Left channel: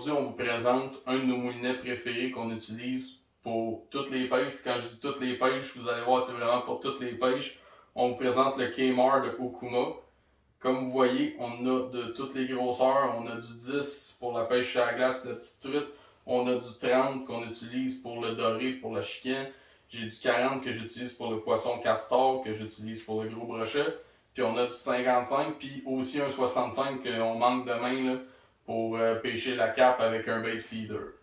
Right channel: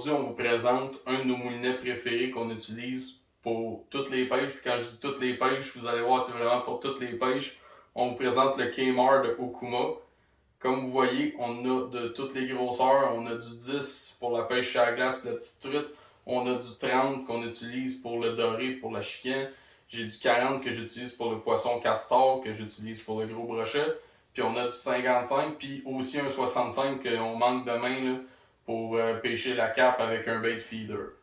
aujourd'hui, on vous présente un de nos moulinets préférés qu'on utilise pour toutes les pêches. Puis quand je dis toutes les pêches, vous allez voir, c'est vraiment pour toutes les pêches. On vous présente le K-Mar de Okuma. Comme vous voyez, on a de toutes les grosseurs. On a du 10 pour la pêche à la glace, la petite truite. On a du 30 qu'on utilise pour le doré, pour la chicken. J'ai du 40 que j'utilise pour le poisson castor, que j'utilise pour le gros brochet. Puis on a du 55, puis aussi un 65 qu'on manque de main là, pour pêcher la carpe avec un bait feeder.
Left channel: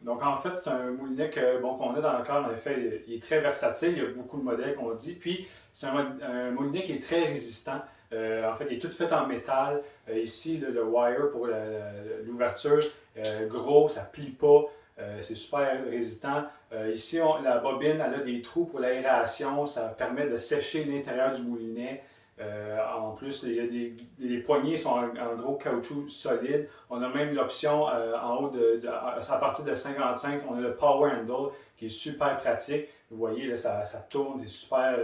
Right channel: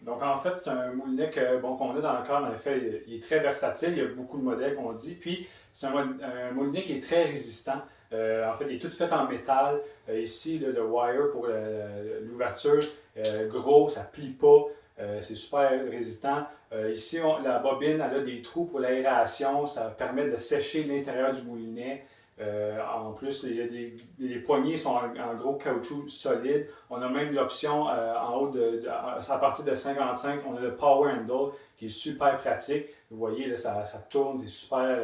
Donc en fait, c'est un moulinet qu'on a dans le corps. En effet, il est très versatile. Il y a beaucoup de modèles qu'on dit. Puis c'est un moulinet qui est très résistant. En fait, il est tout fait en métal. Ici, le wire pour l'ouverture, gros, ça plie pas. C'est super résistant. Ici, la bobine, elle a des trous pour l'aération. Ça permet de sécher l'intérieur du moulinet. En plus, les poignées sont en gros caoutchouc solide. On a même l'option en haut, à partir de 55, on a le Power Handle qui est super pratique. Vous voyez, là, ça tourne, c'est super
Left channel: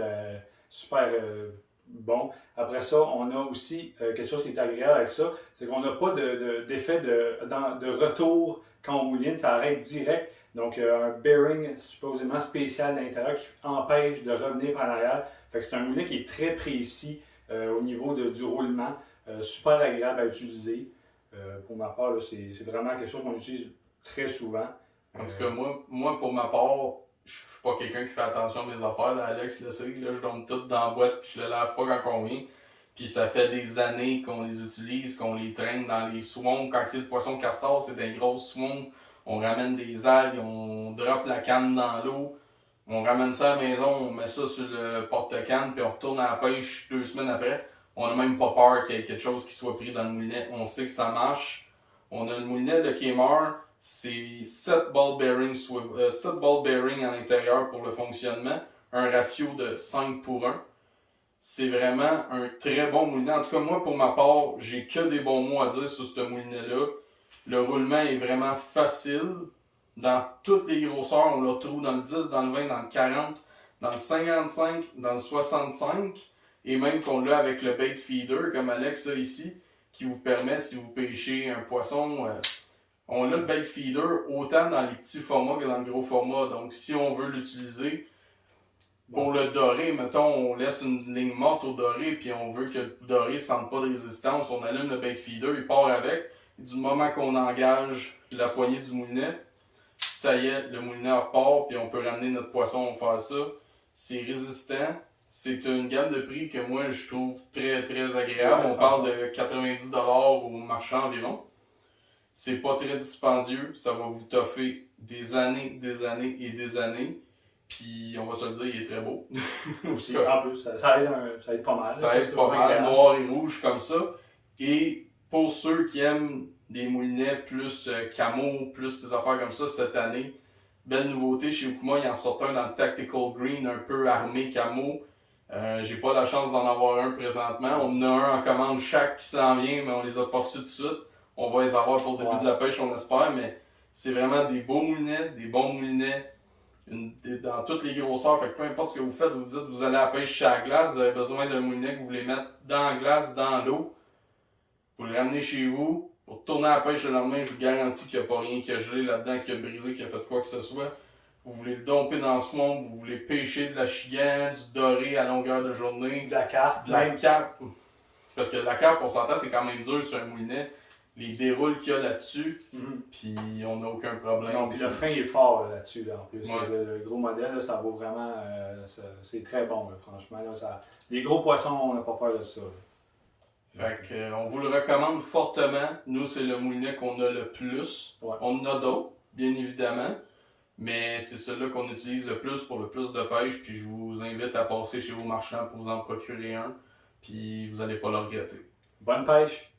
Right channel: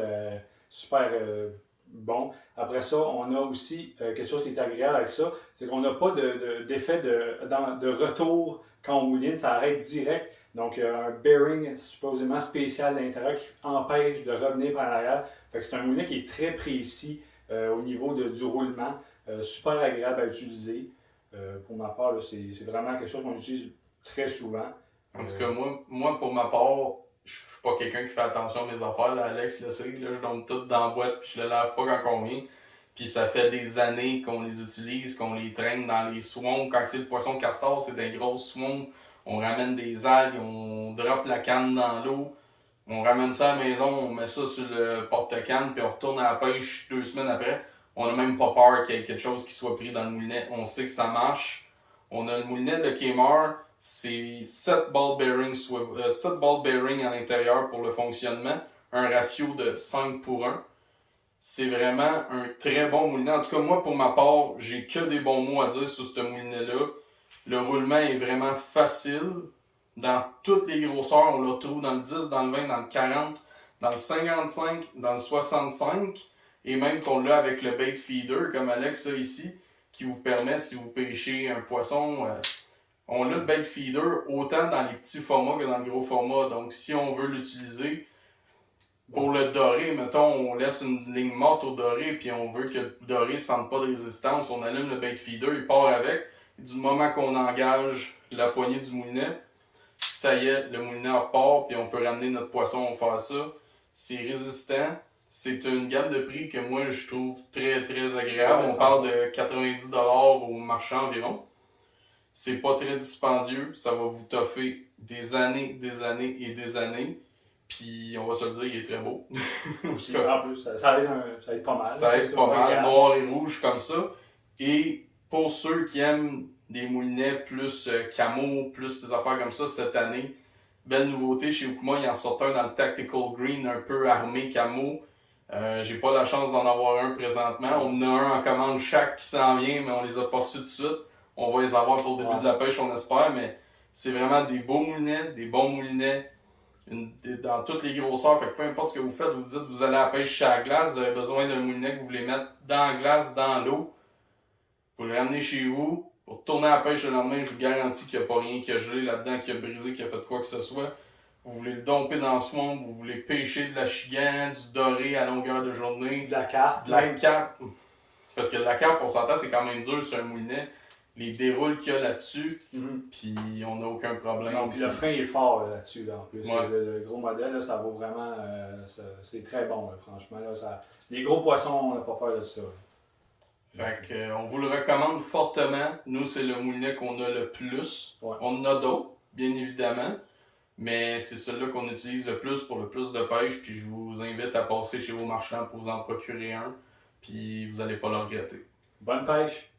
bon. Après ça, on a aussi quelque chose qui est agréable avec ça, c'est qu'on n'a pas d'effet de retour quand on mouline, ça arrête direct. Donc, un bearing supposément spécial à l'intérieur qui empêche de revenir par l'arrière. Fait que c'est un moulinet qui est très précis au niveau du roulement, super agréable à utiliser. Pour ma part, c'est vraiment quelque chose qu'on utilise très souvent. En tout cas, moi, pour ma part, je suis pas quelqu'un qui fait attention à mes affaires. Là, Alex le sait, là, je donne tout dans la boîte puis je le lave pas quand on vient. Puis ça fait des années qu'on les utilise, qu'on les traîne dans les swamps. Quand c'est le poisson castor, c'est des grosses swamps. On ramène des algues, on drop la canne dans l'eau. On ramène ça à la maison, on met ça sur le porte-canne, puis on retourne à la pêche 2 semaines après. On n'a même pas peur qu'il y ait quelque chose qui soit pris dans le moulinet. On sait que ça marche. On a le moulinet de K-Mar, c'est 7 ball bearings à l'intérieur pour le fonctionnement. Un ratio de 5 pour 1. C'est vraiment un très bon moulinet. En tout cas, moi, pour ma part, j'ai que des bons mots à dire sur ce moulinet-là. Le roulement est vraiment facile. Dans toutes les grosseurs, on le retrouve dans le 10, dans le 20, dans le 40, dans le 55, dans le 65, et même qu'on l'a avec le bait feeder, comme Alex a ici, qui vous permet, si vous pêchez un poisson, on a le bait feeder autant dans les petits formats que dans le gros format. Donc, si on veut l'utiliser pour le doré, mettons, on laisse une ligne morte au doré, puis on veut que le doré ne sente pas de résistance, on allume le bait feeder, il part avec. Et du moment qu'on engage la poignée du moulinet, ça y est, le moulinet repart, puis on peut ramener notre poisson, faire ça. C'est résistant. C'est une gamme de prix que moi, je trouve très, très agréable. On parle de 90$ au marchand environ. C'est pas très dispendieux. Ça va vous toffer des années et des années. Puis, on va se le dire, il est très beau. Aussi, en plus, ça aide pas mal. Ça aide pas mal, noir et rouge comme ça. Et pour ceux qui aiment des moulinets plus camo, plus des affaires comme ça cette année, belle nouveauté chez Okuma, il en sort un dans le Tactical Green, un peu armé camo. J'ai pas la chance d'en avoir un présentement. On en a un en commande chaque qui s'en vient, mais on les a pas reçus tout de suite. On va les avoir pour le début de la pêche, on espère, mais c'est vraiment des beaux moulinets, des bons moulinets. Dans toutes les grosseurs, fait que peu importe ce que vous faites, vous dites vous allez à la pêche à la glace, vous avez besoin d'un moulinet que vous voulez mettre dans la glace, dans l'eau. Vous le ramenez chez vous, pour retourner à la pêche le lendemain, je vous garantis qu'il n'y a pas rien qui a gelé là-dedans, qui a brisé, qui a fait quoi que ce soit. Vous voulez le domper dans le swamp, vous voulez pêcher de la chigan, du doré à longueur de journée. De la carpe. De la carpe. Parce que de la carpe, on s'entend, c'est quand même dur sur un moulinet. Les déroules qu'il y a là-dessus, puis on n'a aucun problème. Non, puis le frein est fort là-dessus, là, en plus. Ouais. Le gros modèle, là, ça vaut vraiment... c'est très bon, là, franchement. Là, les gros poissons, on n'a pas peur de ça. Fait que, on vous le recommande fortement. Nous, c'est le moulinet qu'on a le plus. Ouais. On en a d'autres, bien évidemment. Mais c'est celui-là qu'on utilise le plus pour le plus de pêche. Puis je vous invite à passer chez vos marchands pour vous en procurer un. Puis vous n'allez pas le regretter. Bonne pêche!